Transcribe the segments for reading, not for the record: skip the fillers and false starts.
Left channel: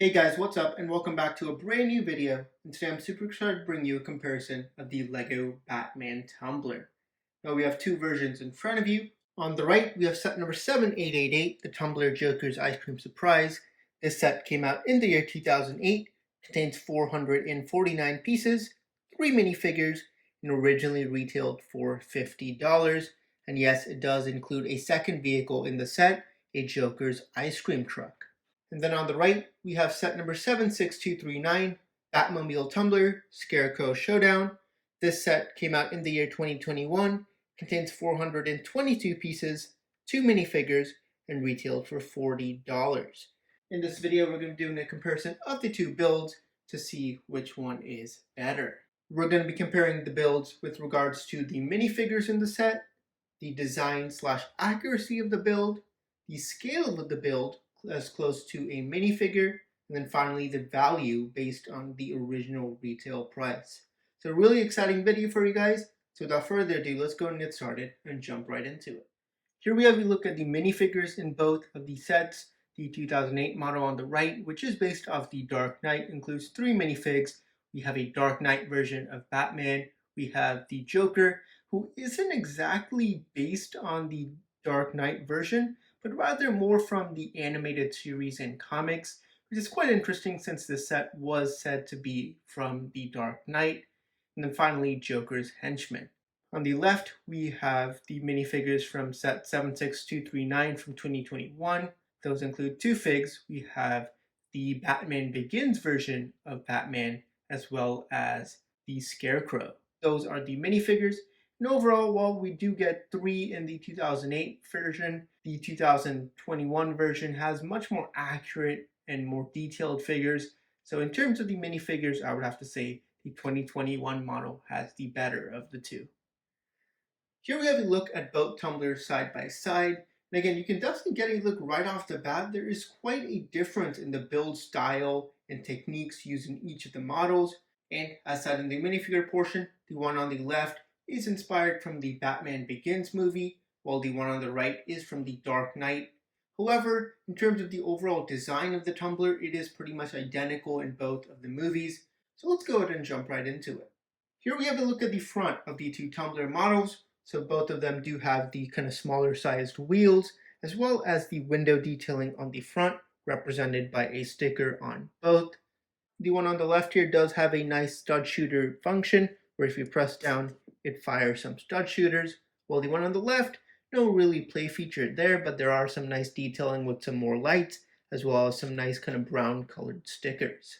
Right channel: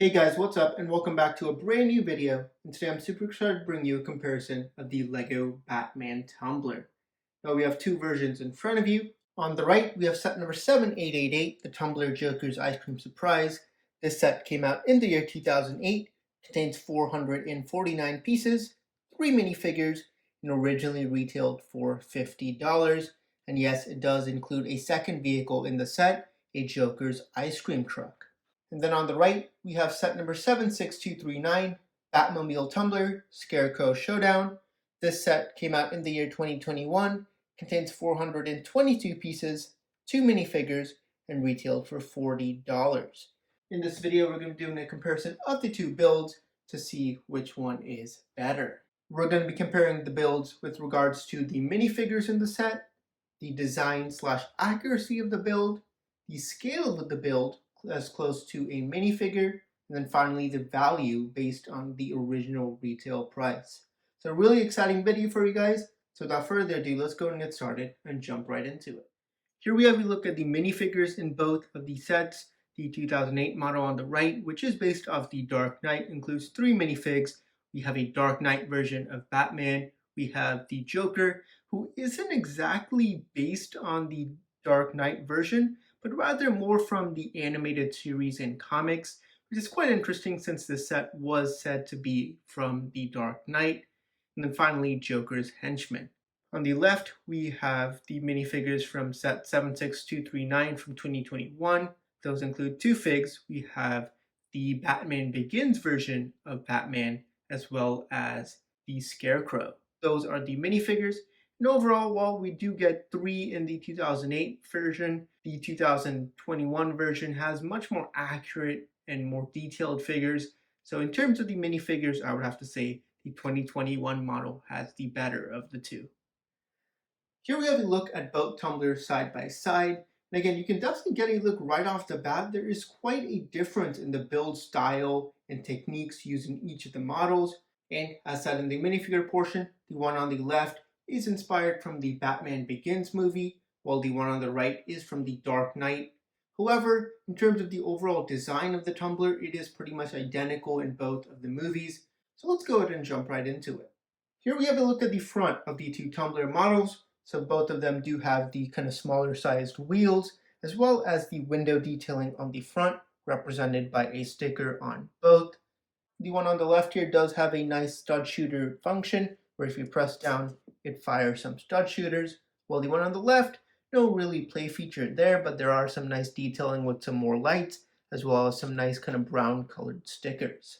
Hey guys, what's up and welcome back to a brand new video. And today I'm super excited to bring you a comparison of the Lego Batman Tumbler. Now we have two versions in front of you. On the right we have set number 7888, the Tumbler Joker's Ice Cream Surprise. This set came out in the year 2008, contains 449 pieces, 3 minifigures, and originally retailed for $50. And yes, it does include a second vehicle in the set, a Joker's ice cream truck. And then on the right, we have set number 76239, Batmobile Tumbler Scarecrow Showdown. This set came out in the year 2021, contains 422 pieces, 2 minifigures, and retailed for $40. In this video, we're going to be doing a comparison of the two builds to see which one is better. We're going to be comparing the builds with regards to the minifigures in the set, the design/accuracy of the build, the scale of the build, as close to a minifigure, and then finally the value based on the original retail price. So a really exciting video for you guys. So without further ado, let's go and get started and jump right into it. Here we have a look at the minifigures in both of the sets. The 2008 model on the right, which is based off the Dark Knight, includes 3 minifigs. We have a Dark Knight version of Batman. We have the Joker, who isn't exactly based on the Dark Knight version, but rather more from the animated series and comics, which is quite interesting since the set was said to be from the Dark Knight. And then finally, Joker's henchman. On the left, we have the minifigures from set 76239 from 2021. Those include 2 figs. We have the Batman Begins version of Batman, as well as the Scarecrow. Those are the minifigures. And overall, while we do get 3 in the 2008 version, the 2021 version has much more accurate and more detailed figures. So in terms of the minifigures, I would have to say the 2021 model has the better of the two. Here we have a look at both tumblers side by side. And again, you can definitely get a look right off the bat. There is quite a difference in the build style and techniques used in each of the models. And as said in the minifigure portion, the one on the left is inspired from the Batman Begins movie, while the one on the right is from the Dark Knight. However, in terms of the overall design of the tumbler, it is pretty much identical in both of the movies. So let's go ahead and jump right into it. Here we have a look at the front of the two tumbler models. So both of them do have the kind of smaller sized wheels, as well as the window detailing on the front, represented by a sticker on both. The one on the left here does have a nice stud shooter function, where if you press down, it fires some stud shooters, while the one on the left, no really play feature there, but there are some nice detailing with some more lights, as well as some nice kind of brown colored stickers.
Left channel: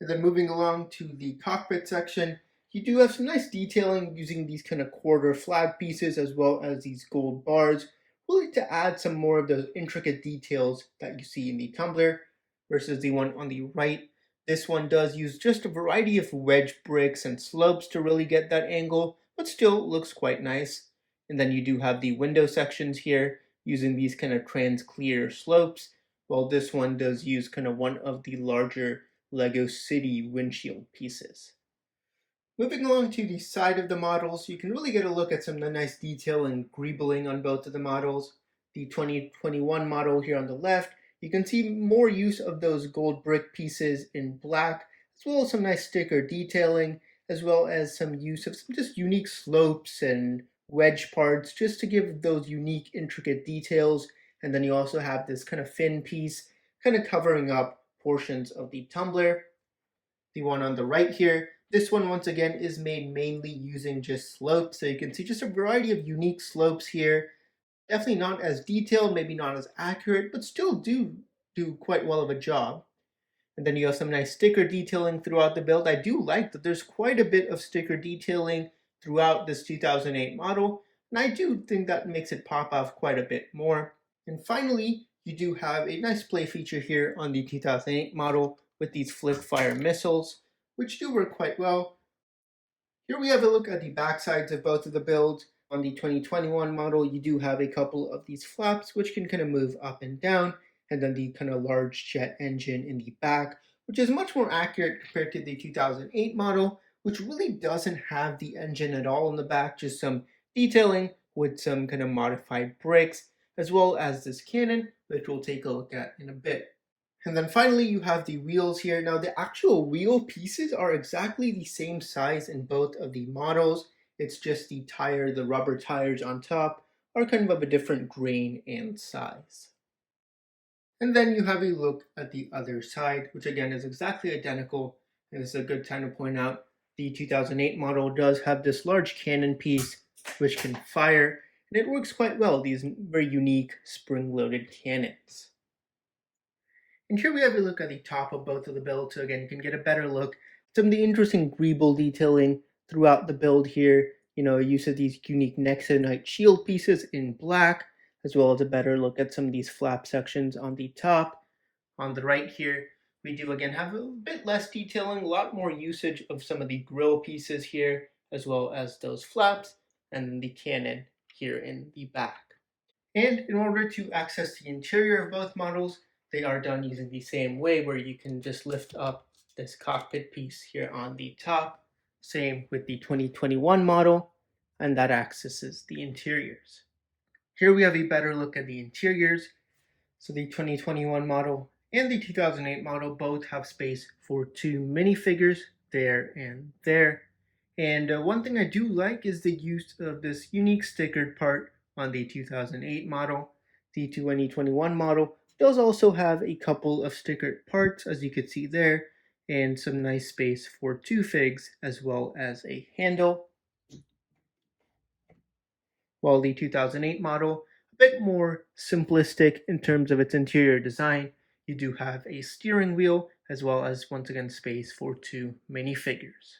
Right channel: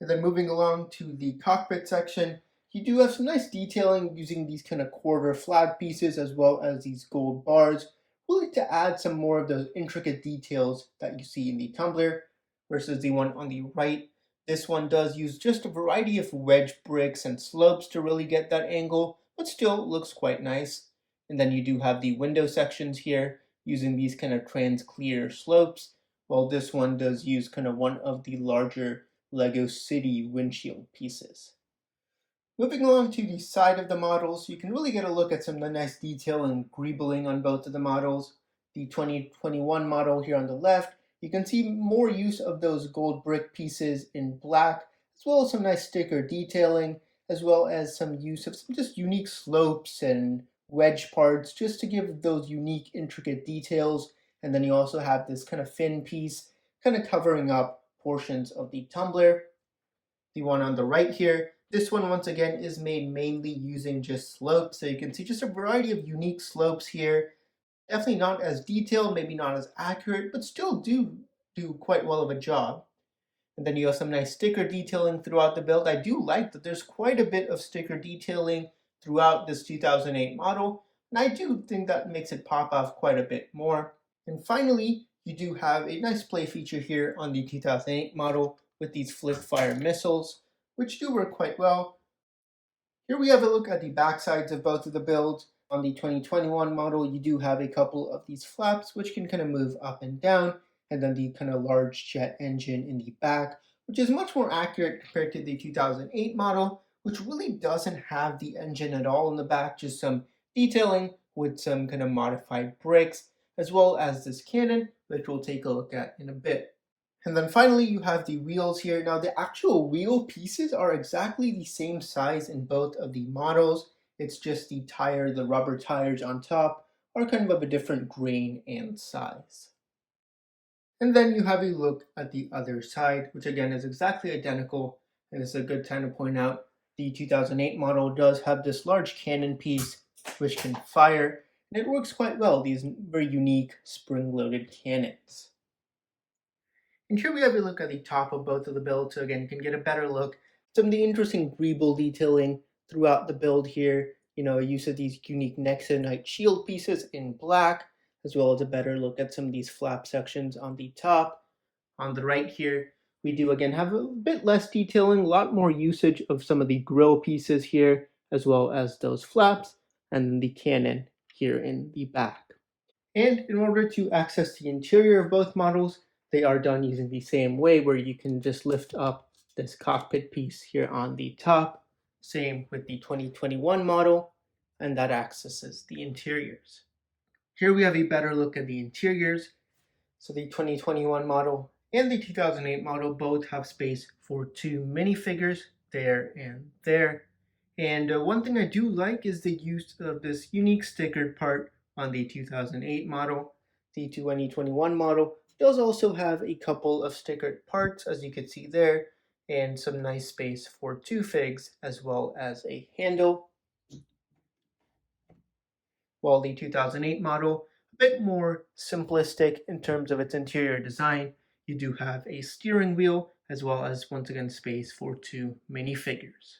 And then moving along to the cockpit section, you do have some nice detailing using these kind of quarter flag pieces, as well as these gold bars, really to add some more of those intricate details that you see in the tumbler, versus the one on the right. This one does use just a variety of wedge bricks and slopes to really get that angle, but still looks quite nice. And then you do have the window sections here using these kind of trans clear slopes, while this one does use kind of one of the larger Lego City windshield pieces. Moving along to the side of the models, you can really get a look at some of the nice detail and greebling on both of the models. The 2021 model here on the left, you can see more use of those gold brick pieces in black, as well as some nice sticker detailing, as well as some use of some just unique slopes and wedge parts, just to give those unique intricate details. And then you also have this kind of fin piece, kind of covering up portions of the tumbler. The one on the right here, this one once again is made mainly using just slopes, so you can see just a variety of unique slopes here. Definitely not as detailed, maybe not as accurate, but still do quite well of a job. And then you have some nice sticker detailing throughout the build. I do like that there's quite a bit of sticker detailing throughout this 2008 model, and I do think that makes it pop off quite a bit more. And finally, you do have a nice play feature here on the 2008 model with these flip fire missiles, which do work quite well. Here we have a look at the back sides of both of the builds. On the 2021 model, you do have a couple of these flaps, which can kind of move up and down, and then the kind of large jet engine in the back, which is much more accurate compared to the 2008 model, which really doesn't have the engine at all in the back, just some detailing with some kind of modified bricks, as well as this cannon, which we'll take a look at in a bit. And then finally, you have the wheels here. Now, the actual wheel pieces are exactly the same size in both of the models. It's just the rubber tires on top are kind of a different grain and size. And then you have a look at the other side, which again is exactly identical. And this is a good time to point out the 2008 model does have this large cannon piece which can fire, and it works quite well, these very unique spring-loaded cannons. And here we have a look at the top of both of the builds, so again, you can get a better look at some of the interesting greeble detailing throughout the build here. Use of these unique Nexonite shield pieces in black, as well as a better look at some of these flap sections on the top. On the right here, we do again have a bit less detailing, a lot more usage of some of the grill pieces here, as well as those flaps, and the cannon here in the back. And in order to access the interior of both models, they are done using the same way, where you can just lift up this cockpit piece here on the top. Same with the 2021 model, and that accesses the interiors. Here we have a better look at the interiors. So the 2021 model and the 2008 model both have space for two minifigures there and there. And one thing I do like is the use of this unique stickered part on the 2008 model. The 2021 model does also have a couple of stickered parts, as you can see there, and some nice space for two figs, as well as a handle. While the 2008 model, a bit more simplistic in terms of its interior design, you do have a steering wheel, as well as, once again, space for two minifigures.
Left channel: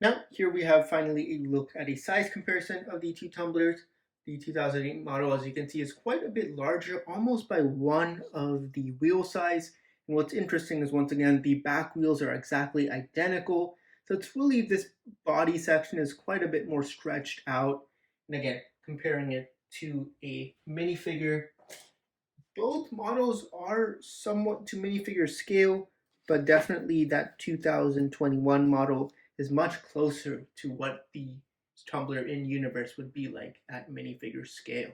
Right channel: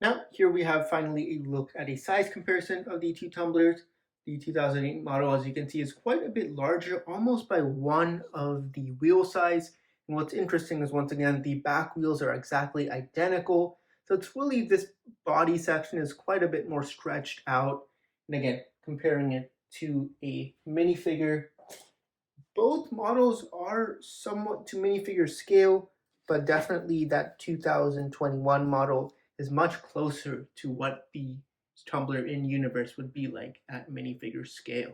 Now, here we have finally a look at a size comparison of the two tumblers. The 2008 model, as you can see, is quite a bit larger, almost by one of the wheel size. And what's interesting is, once again, the back wheels are exactly identical. So it's really, this body section is quite a bit more stretched out. And again, comparing it to a minifigure, both models are somewhat to minifigure scale, but definitely that 2021 model is much closer to what the Tumbler in universe would be like at minifigure scale.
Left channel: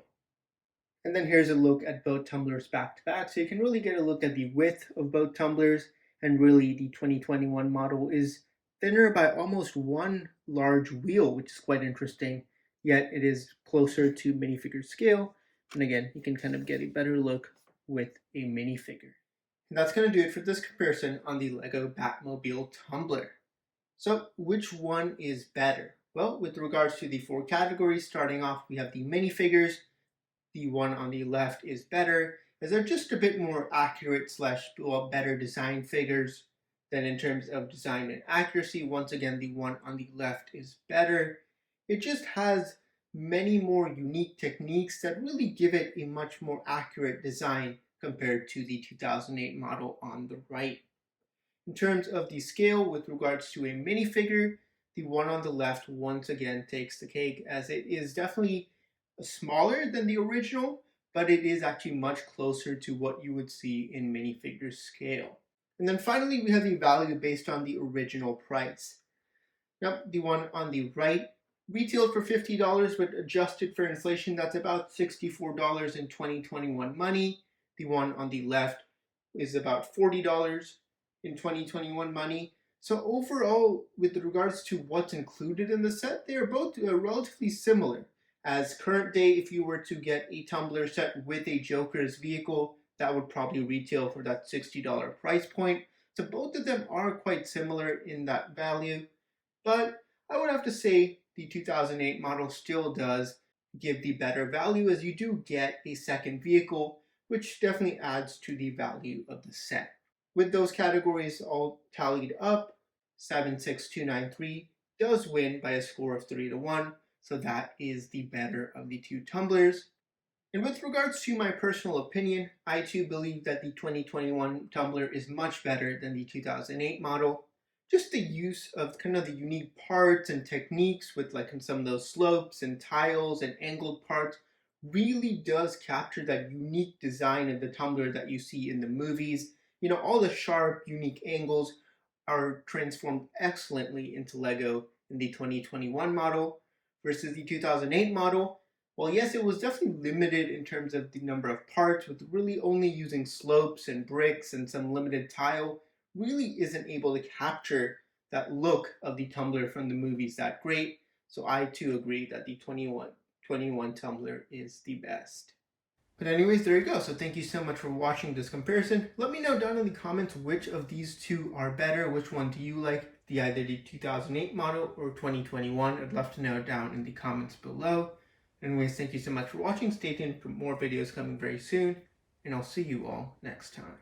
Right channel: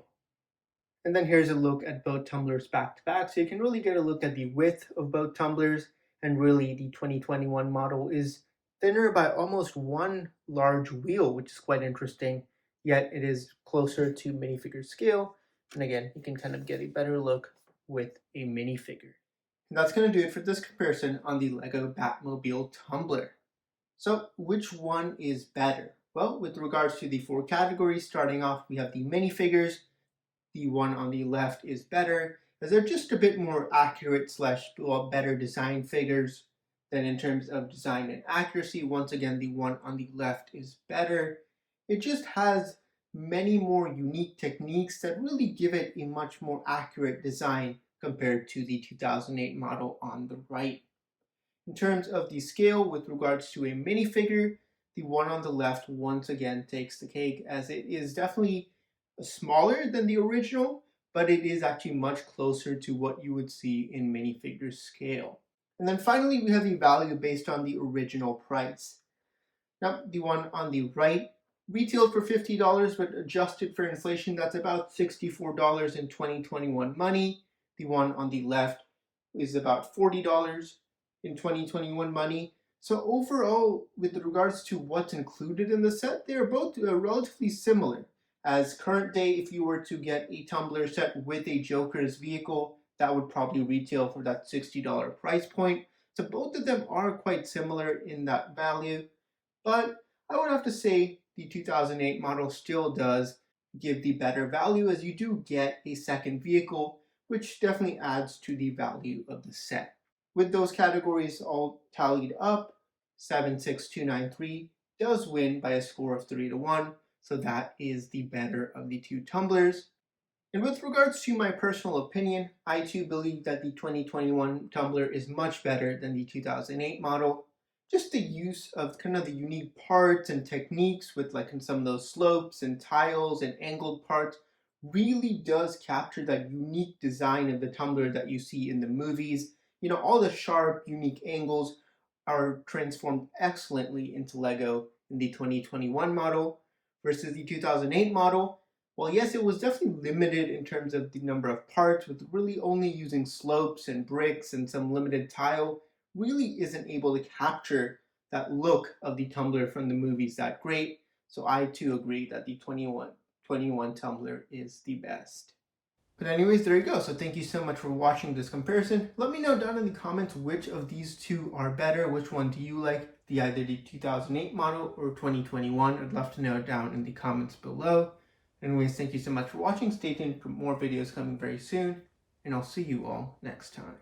And then here's a look at both tumblers back to back, so you can really get a look at the width of both tumblers. And really, the 2021 model is thinner by almost one large wheel, which is quite interesting, yet it is closer to minifigure scale. And again, you can kind of get a better look with a minifigure. And that's going to do it for this comparison on the Lego Batmobile Tumbler. So which one is better? Well, with regards to the four categories, starting off, we have the minifigures. The one on the left is better, as they're just a bit more accurate / better designed figures than in terms of design and accuracy. Once again, the one on the left is better. It just has many more unique techniques that really give it a much more accurate design compared to the 2008 model on the right. In terms of the scale with regards to a minifigure, the one on the left once again takes the cake, as it is definitely smaller than the original, but it is actually much closer to what you would see in minifigure scale. And then finally, we have the value based on the original price. Now, the one on the right retailed for $50, but adjusted for inflation, that's about $64 in 2021 money. The one on the left is about $40 in 2021 money. So overall, with regards to what's included in the set, they are both relatively similar. As current day, if you were to get a tumbler set with a Joker's vehicle, that would probably retail for that $60 price point. So both of them are quite similar in that value. But I would have to say the 2008 model still does give the better value, as you do get a second vehicle, which definitely adds to the value of the set. With those categories all tallied up, 76293 does win by a score of 3-1, so that is the better of the two tumblers. And with regards to my personal opinion, I too believe that the 2021 tumbler is much better than the 2008 model. Just the use of kind of the unique parts and techniques with like some of those slopes and tiles and angled parts really does capture that unique design of the tumbler that you see in the movies. All the sharp, unique angles are transformed excellently into Lego in the 2021 model versus the 2008 model. while yes, it was definitely limited in terms of the number of parts, with really only using slopes and bricks and some limited tile, really isn't able to capture that look of the tumbler from the movies that great. So I too agree that the 21 tumbler is the best. But anyways, there you go. So thank you so much for watching this comparison. Let me know down in the comments which of these two are better. Which one do you like? Either the 2008 model or 2021? I'd love to know down in the comments below. Anyways, thank you so much for watching. Stay tuned for more videos coming very soon, and I'll see you all next time.